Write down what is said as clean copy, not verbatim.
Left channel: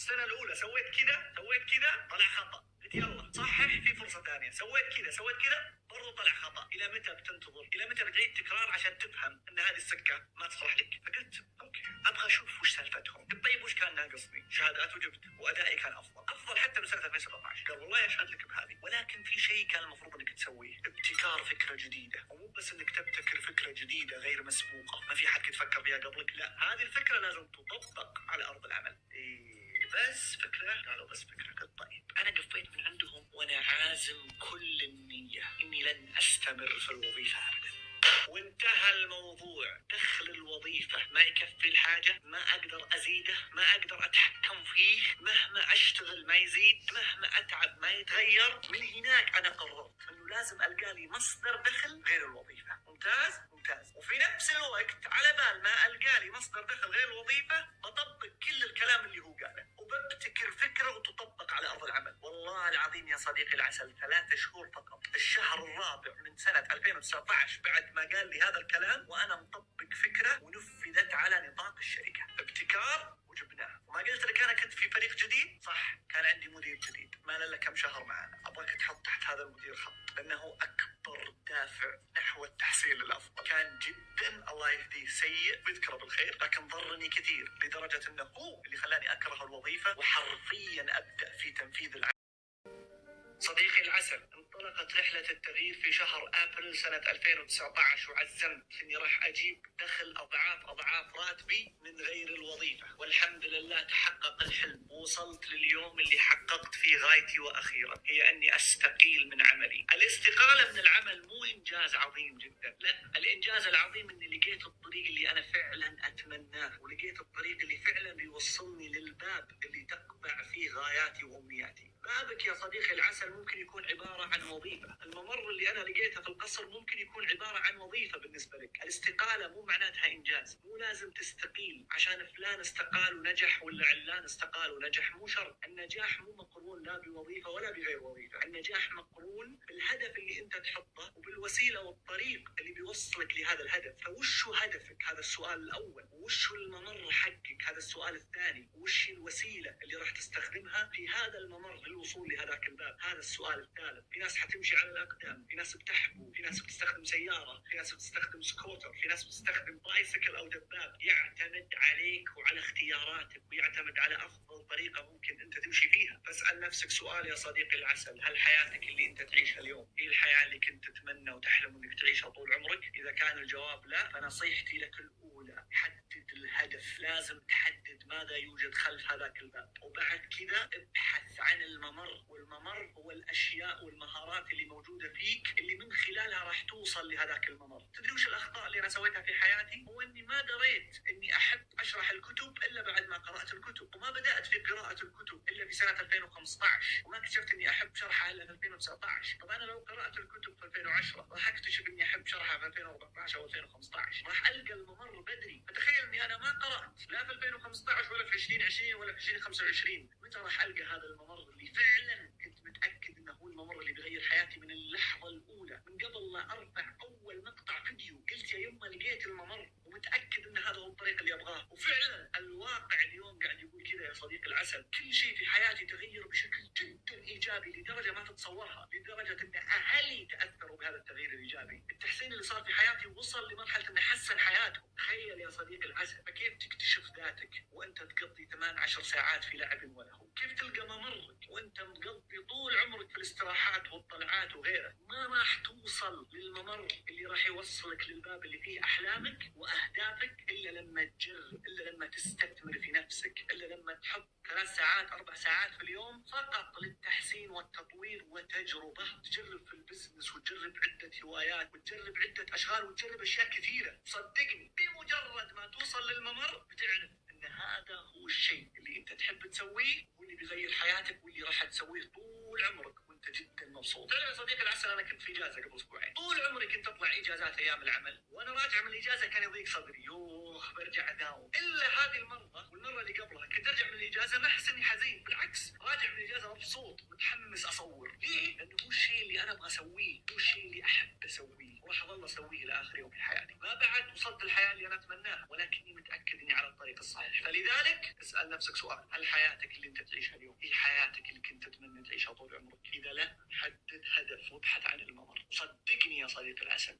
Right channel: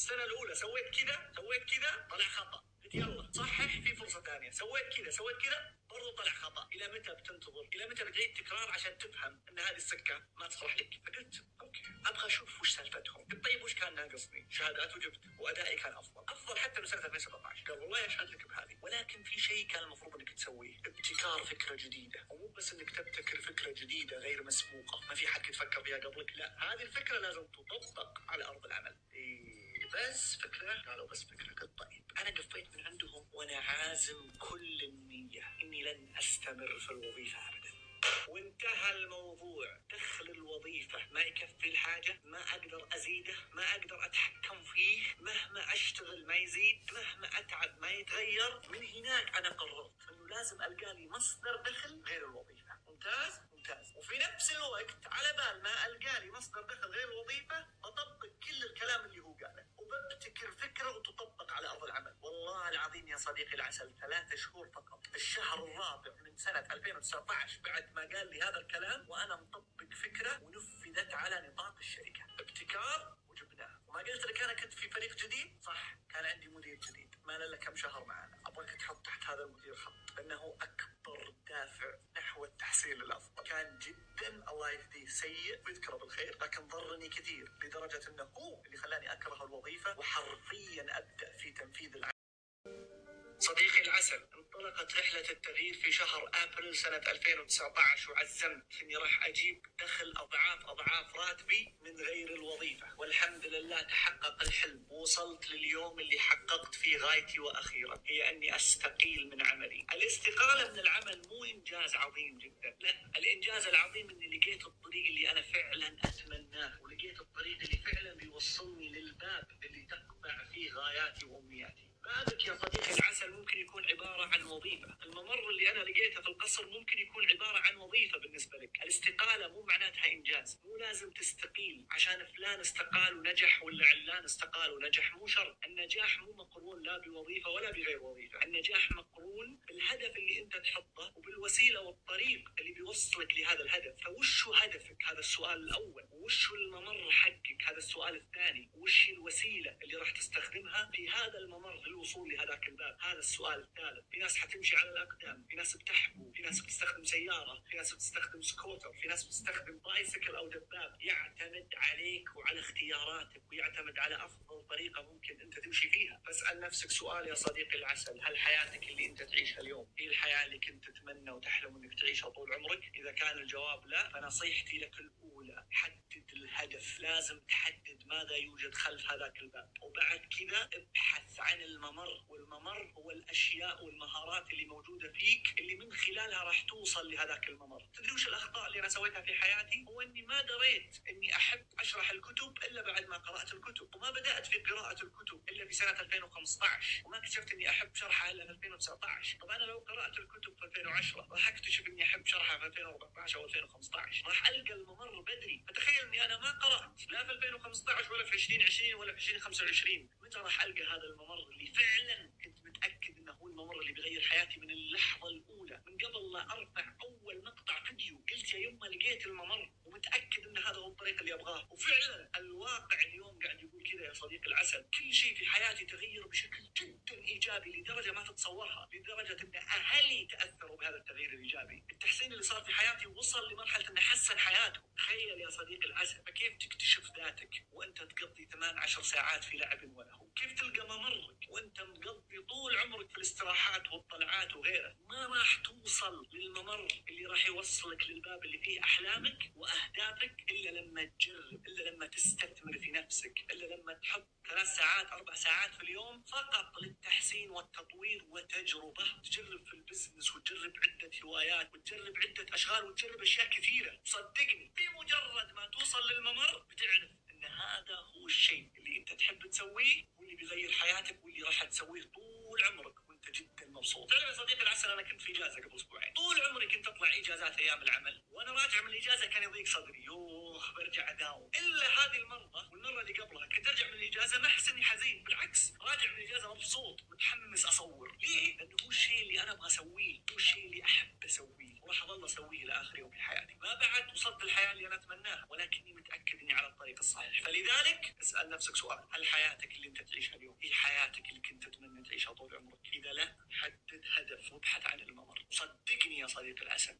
السنه الاولى سويت كذا طلع خطا، قلت يلا صحح في فرصه ثانيه، سويت كذا برضو طلع خطا. الى متى بتنتظر؟ الى متى بتعيد تكرار عشان تفهم ان هذه السكه ما تصلح لك؟ فقلت اوكي ابغى اشوف وش سالفتهم. قلت طيب وش كان ناقصني؟ شهادات وجبت، وادائي كان افضل حتى من سنه 2017. قال والله اشهد لك بهذه، ولكن في شيء كان المفروض انك تسويه، ابتكار فكره جديده، ومو بس انك تبتكر فكره جديده غير مسبوقه ما في حد يتفكر فيها قبلك، لا هذه الفكره لازم تطبق على ارض العمل. بس فكره؟ قالوا بس فكره. قلت طيب انا قفيت من عندهم وانا عازم كل النيه اني لن استمر في الوظيفه ابدا، وانتهى الموضوع. دخل الوظيفة ما يكفي الحاجة، ما أقدر أزيده، ما أقدر أتحكم فيه، مهما أشتغل ما يزيد، مهما أتعب ما يتغير. من هناك أنا قررت أنه لازم ألقى لي مصدر دخل غير الوظيفة. ممتاز. وفي نفس الوقت على بال ما ألقى لي مصدر دخل غير الوظيفة بطبق كل الكلام اللي هو قاله، وببتكر فكرة وتطبق على أرض العمل. والله العظيم يا صديقي العسل 3 شهور فقط، الشهر الرابع من سنة 2019 بعد ما قال لي هذا الكلام وأنا مطبق فكرة ونفذت على نطاق الشركة. ابتكار وجبناه. وما قلت لك أنا كنت في فريق جديد؟ صح، كان عندي مدير جديد ما له كم شهر معنا. أبغاك تحط تحت هذا المدير خط، لأنه أكبر دافع نحو التحصيل الأفضل. كان جدا الله يهديه سيء ويذكره بالخير، لكن ضرني كثير لدرجة أنه هو اللي خلاني أكره الوظيفة وحرفيا أبدأ في تنفيذ العمل. صديقي العسل، انطلقت رحلة التغيير في شهر أبريل سنة 2019 وعزمت إني راح أجيب دخل أضعاف راتبي من غير الوظيفة، والحمد لله تحقق الحلم. ووصلت لليوم اللي حققت فيه غايتي وأخيرا، هي أني أستقيل من عملي. الاستقالة من العمل مو إنجاز عظيم جدا، لا، الإنجاز العظيم إني لقيت الطريق اللي أنا فعلا أتمناه، ولقيت الطريق اللي فعلا بيوصلني للباب اللي تقبع فيه غاياتي وأمنياتي. بابك يا صديقي العسل ممكن يكون عبارة عن وظيفة، الممر اللي أنا لقيته في القصر ممكن يكون عبارة عن وظيفة بالنسبة لك. الاستقالة مو معناتها إنجاز، مو لازم تستقيل عشان فلان استقال ونجح ولا علان استقال ونجح، مو شرط. النجاح مو مقرون لا بوظيفة ولا بغير وظيفة، النجاح مقرون بالهدف اللي أنت تحطه وبالوسيلة والطريق اللي بيوصلك لهذا الهدف. فوشو هدفك؟ هذا السؤال الأول. وشو الممر حقك؟ هذا السؤال الثاني. وش الوسيلة اللي راح تستخدمها في هذا الممر للوصول لهذاك الباب؟ هذا السؤال الثالث. في ناس حتمشي على الأقدام، في ناس بتحبو، في ناس بتستخدم سيارة، في ناس بتستخدم سكوتر، في ناس بتستخدم بايسكل أو دباب. يعتمد عليك وعلى اختياراتك، ويعتمد على أفضل طريقة ممكن أنت تمشي فيها. فاسأل نفسك سؤال يا صديقي العسل، هل حياتك اللي أنت تعيشها اليوم هي الحياة اللي كنت تتمنى وتحلم أنك تعيشها طول عمرك؟ إذا كان الجواب لا، فنصيحتي لك الأولى، حدد الهدف. لازم تحدد ماذا يوجد خلف هذاك الباب، وبعد كذا ابحث عن الممر. والممر هو الأشياء والمهارات اللي موجودة فيك اللي من خلالها راح توصل لهذاك الممر. تدري وش الأخطاء اللي أنا سويتها في حياتي؟ هو إني ما دريت إني أحب أشرح الكتب إلا بعد ما قرأت الكتب، وما بدأت في قراءة الكتب إلا في سنة 2015، وما اكتشفت إني أحب شرحها إلا في 2019. طب أنا لو قرأت الكتب في 2010 راح أكتشف إني أحب شرحها في 2014 أو 2015، راح ألقى الممر بدري. فتخيل إني أنا ما قرأت لا في 2015 ولا في 2020 ولا في 2025. متى راح ألقى هذا الممر اللي فعلا كنت متأكد إنه هو الممر اللي بيغير حياتي من اللحظة الأولى؟ من قبل لا أرفع أول مقطع فيديو قلت يا يما لقيت الممر ومتأكد إن هذا هو الطريق اللي أبغاه. وفعلا الواقع اليوم قاعد يقول كذا يا صديقي العسل. كل شيء في حياتي تغير بشكل جدا إيجابي لدرجة ما تتصورها، لدرجة إن أهلي تأثروا بهذا التغيير الإيجابي. التحسين اللي صار في حياتي وصل لمرحلة إنه حسن حياتهم. تخيل يا صديقي العسل، فكيف تكتشف ذاتك وأنت تقضي 8-10 ساعات في لعب وله؟ كيف تلقى ممرك وأنت مقضي طول عمرك في الاستراحات والطلعات وغيره؟ ما راح توصل للممر اللي راح يوصلك للباب اللي فيه أحلامك وأهدافك إلا لما تجرب، إلا لما تستثمر في نفسك، إلا لما تحط 3 ساعات 4 ساعات في اليوم فقط للتحسين والتطوير وتجربة. تجرب في البزنس وتجرب عدة هوايات وتجرب عدة أشغال وتجرب أشياء كثيرة. صدقني بمجرد ما توصل للممر بتعرف أن هذا هو الشيء اللي أنت تحب تسويه واللي بيغير حياتك واللي راح تسويه طول عمرك وأنت جدا مبسوط. تعرف يا صديقي العسل، أنا كنت في إجازة قبل أسبوعين، طول عمري كنت أطلع إجازات أيام العمل، وأنا راجع من الإجازة كان يضيق صدري، يوه برجع أداوم. إلا هذه المرة والمرة المرة اللي قبلها كنت ارجع من الاجازة ما احس اني حزين، بالعكس راجع من الاجازة مبسوط متحمس اصور. ليه؟ لانه هو الشيء اللي انا ابغى اسويه، هو الشيء اللي احب اسويه، وراح اظل اسويه لاخر يوم في حياتي. ما بعد وصلت للحياة اللي انا اتمناها، ولكني متاكد اني على الطريق الصحيح. فلذلك اسال نفسك سؤال: هل حياتك اللي انت تعيشها اليوم هي حياتك اللي كنت تتمنى تعيشها طول عمرك؟ اذا لا، حدد هدف وابحث عن الممر. صدقني يا صديقي العسل،